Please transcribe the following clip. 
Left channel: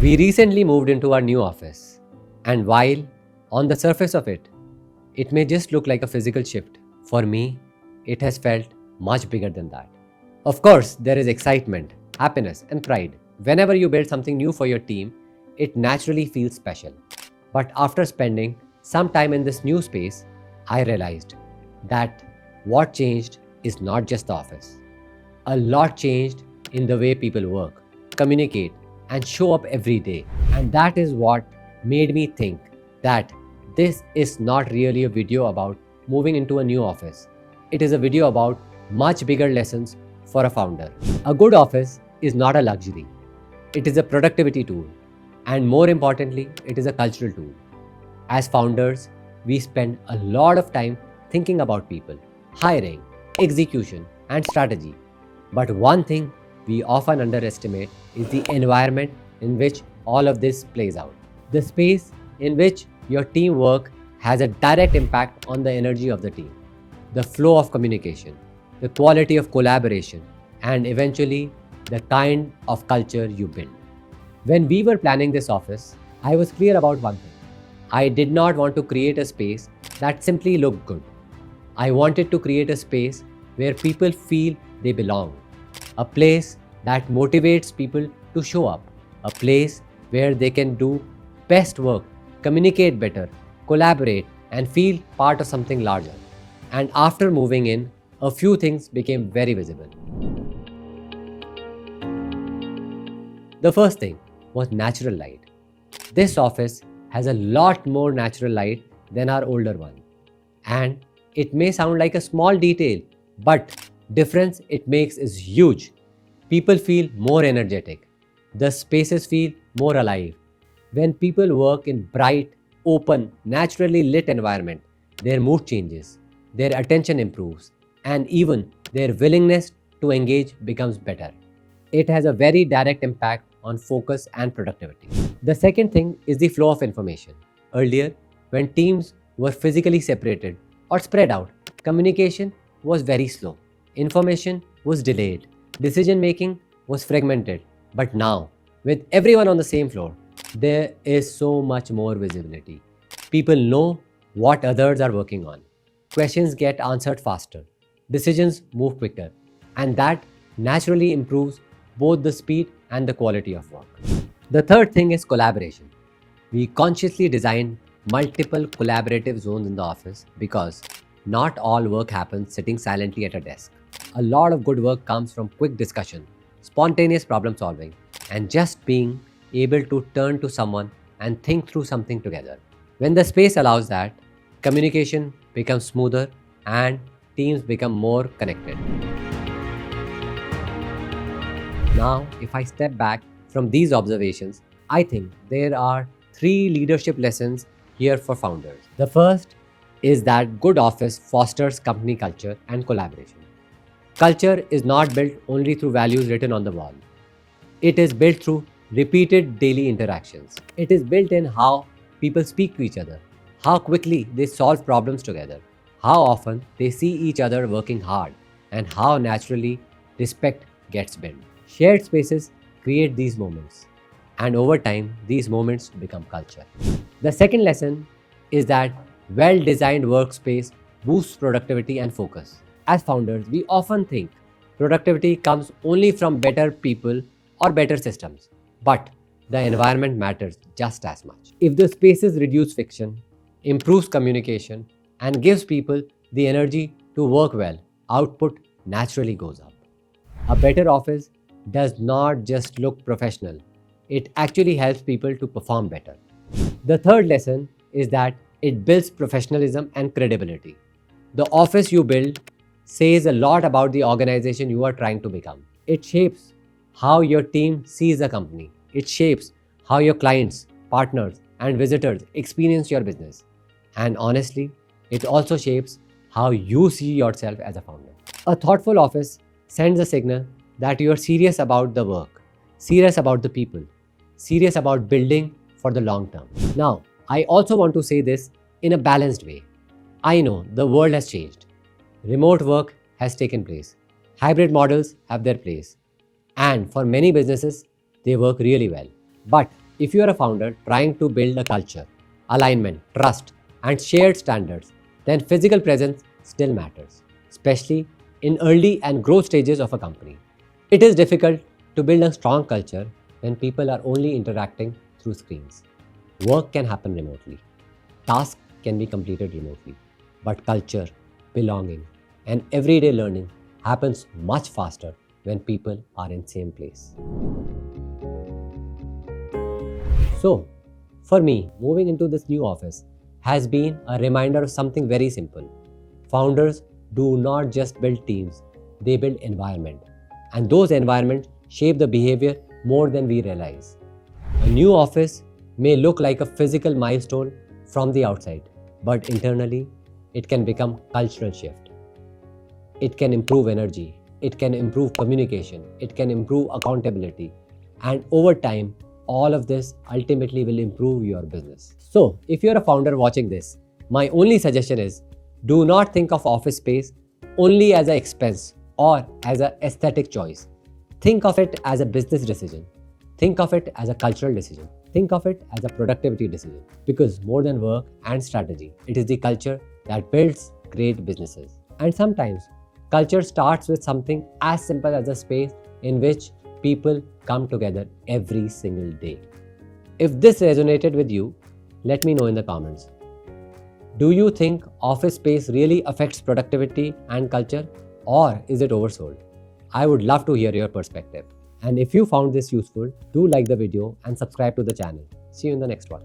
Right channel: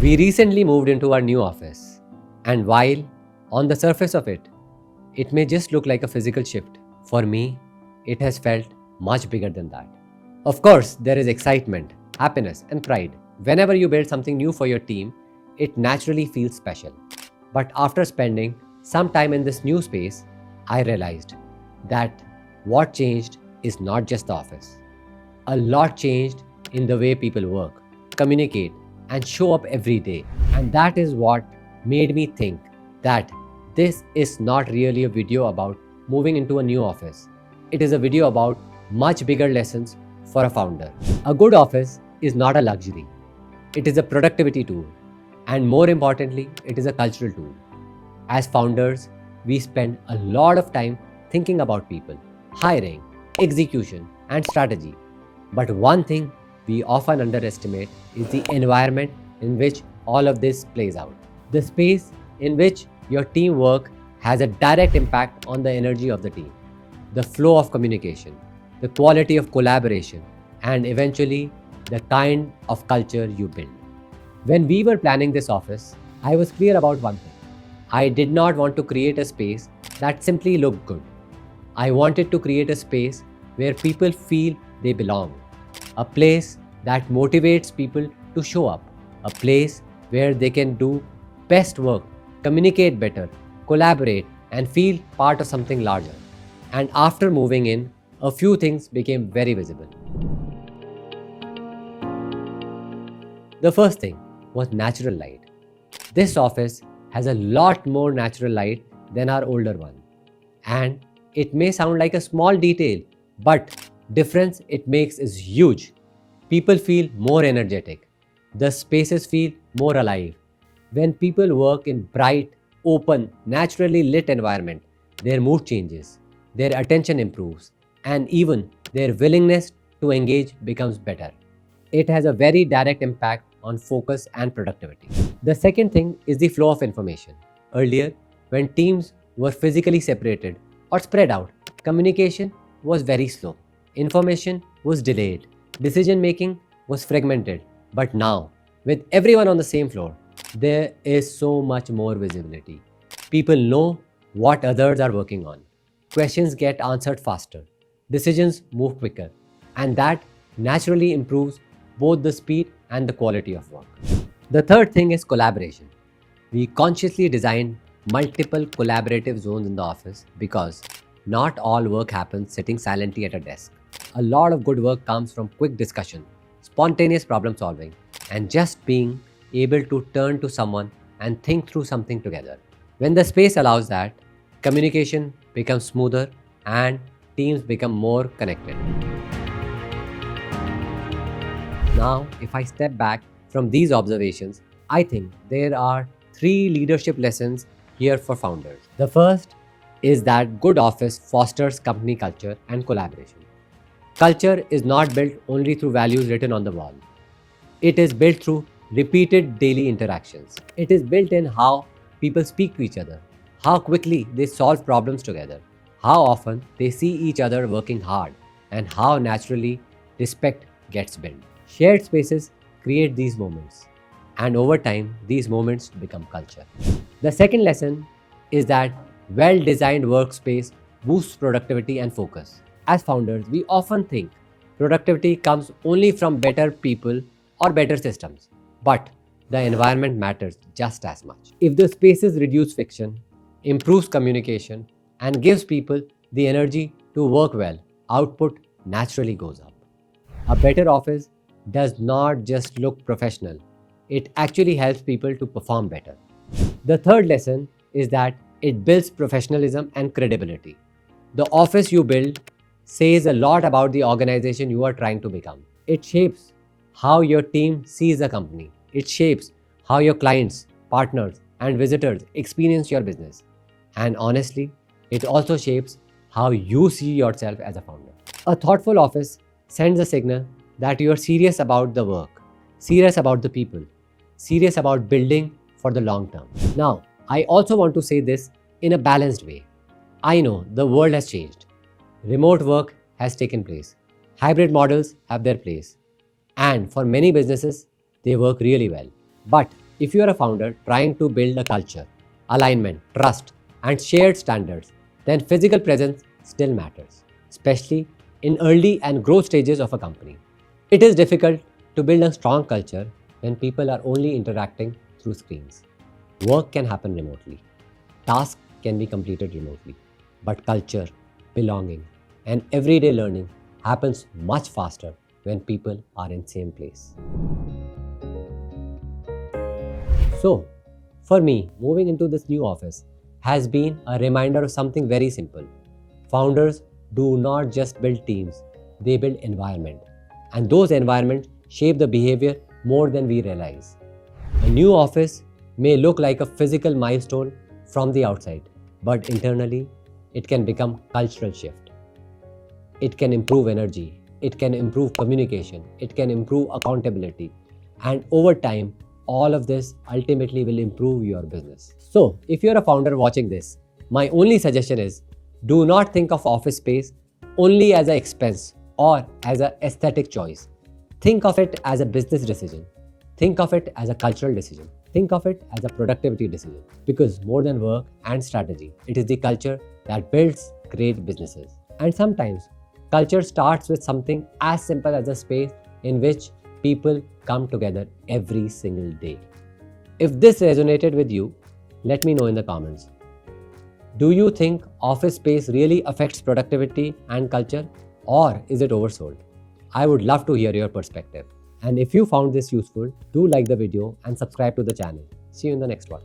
We recently moved into our new office, and while on the surface of it, it may just look like a physical shift, for me, it has felt much bigger than that. Of course, there is excitement, happiness, and pride. Whenever you build something new for your team, it naturally feels special. But after spending some time in this new space, I realized that what changed is not just the office. A lot changed in the way people work, communicate, and show up every day. And that is what made me think that this is not really a video about moving into a new office. It is a video about much bigger lessons for a founder. A good office is not a luxury, it is a productivity tool. And more importantly, it is a cultural tool. As founders, we spend a lot of time thinking about people, hiring, execution, and strategy. But one thing we often underestimate is the environment in which all of this plays out. The space in which your team work has a direct impact on the energy of the team, the flow of communication, the quality of collaboration, and eventually the kind of culture you build. When we were planning this office, I was clear about one thing. I did not want to create a space that simply looked good. I wanted to create a space where people feel they belong, a place that motivates people to show up, a place where they can do best work, communicate better, collaborate, and feel part of something larger. And after moving in, a few things became very visible. The first thing was natural light. This office has a lot more natural light than our older one. And it may sound like a small detail, but difference it makes is huge. People feel more energetic. The spaces feel more alive. When people work in bright, open, naturally lit environment, their mood changes, their attention improves, and even their willingness to engage becomes better. It has a very direct impact on focus and productivity. The second thing is the flow of information. Earlier, when teams were physically separated or spread out, communication was very slow. Information was delayed. Decision making was fragmented. But now, with everyone on the same floor, there is so much more visibility. People know what others are working on. Questions get answered faster. Decisions move quicker. And that naturally improves both the speed and the quality of work. The third thing is collaboration. We consciously designed multiple collaborative zones in the office because not all work happens sitting silently at a desk. A lot of good work comes from quick discussion, spontaneous problem solving, and just being able to turn to someone and think through something together. When the space allows that, communication becomes smoother and teams become more connected. Now, if I step back from these observations, I think there are three leadership lessons here for founders. The first is that good office fosters company culture and collaboration. Culture is not built only through values written on the wall. It is built through repeated daily interactions. It is built in how people speak to each other, how quickly they solve problems together, how often they see each other working hard, and how naturally respect gets built. Shared spaces create these moments, and over time, these moments become culture. The second lesson is that well designed workspace boosts productivity and focus. As founders, we often think productivity comes only from better people or better systems, but the environment matters just as much. If the spaces reduce friction, improves communication, and gives people the energy to work well, output naturally goes up. A better office does not just look professional, it actually helps people to perform better. The third lesson is that it builds professionalism and credibility. The office you build says a lot about the organization you are trying to become. It shapes how your team sees the company. It shapes how your clients, partners, and visitors experience your business. And honestly, it also shapes how you see yourself as a founder. A thoughtful office sends a signal that you are serious about the work, serious about the people, serious about building for the long term. Now, I also want to say this in a balanced way. I know the world has changed. Remote work has taken place. Hybrid models have their place. And for many businesses, they work really well. But If you are a founder trying to build a culture, alignment, trust, and shared standards, then physical presence still matters, especially in early and growth stages of a company. It is difficult to build a strong culture when people are only interacting through screens. Work can happen remotely, tasks can be completed remotely, but culture, belonging, and everyday learning happens much faster when people are in same place. So, for me, moving into this new office has been a reminder of something very simple. Founders do not just build teams, they build environment. And those environments shape the behavior more than we realize. A new office may look like a physical milestone from the outside, but internally, it can become cultural shift. It can improve energy, it can improve communication, it can improve accountability, and over time, all of this ultimately will improve your business. So, if you're a founder watching this, my only suggestion is do not think of office space only as an expense or as an aesthetic choice. Think of it as a business decision. Think of it as a cultural decision. Think of it as a productivity decision. Because more than work and strategy, it is the culture that builds great businesses. And sometimes, culture starts with something as simple as a space in which people come together every single day. If this resonated with you, let me know in the comments. Do you think office space really affects productivity and culture, or is it oversold? I would love to hear your perspective. And if you found this useful, do like the video and subscribe to the channel. See you in the next one.